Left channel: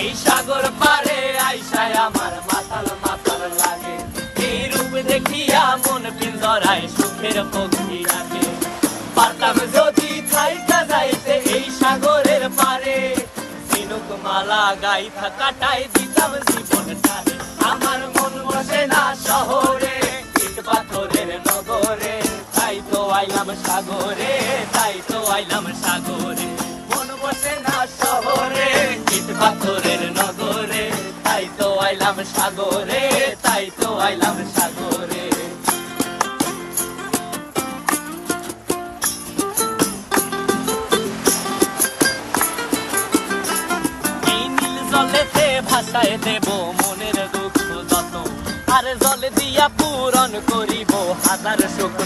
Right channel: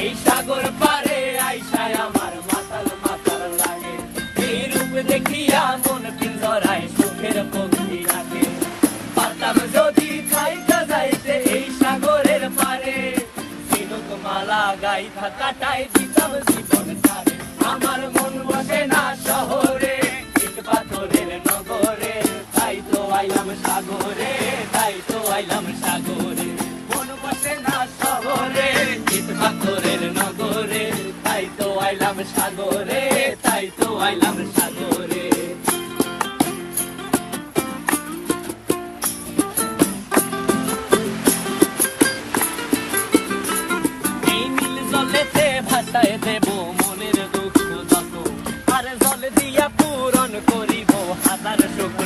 এই সাগর পারে আইসায় আমার মাতাল মাতাল লাগে, এই রূপ দেখিয়া মন পিঞ্জরায় সুখের পক্ষী লাগে। পারতাম যদি থাইকা যাইতে এই সাগরের পারে, ঝিনুক মালা গাইথা কাটায় দিতাম জীবনটারে। আমার মন বসে না শহরে, ইট পাথরের নগরে, তাই তো আইলাম সাগরে, তাই তো আইলাম সাগরে। মন বসে না শহরে, ইট পাথরের নগরে, তাই তো আইলাম সাগরে, তাই তো আইলাম সাগরে। এই নীল জলেতে ভাসায় দেব মনের দুঃখ যত, আর জল দিয়া পূরণ করিব হাজার সুখ।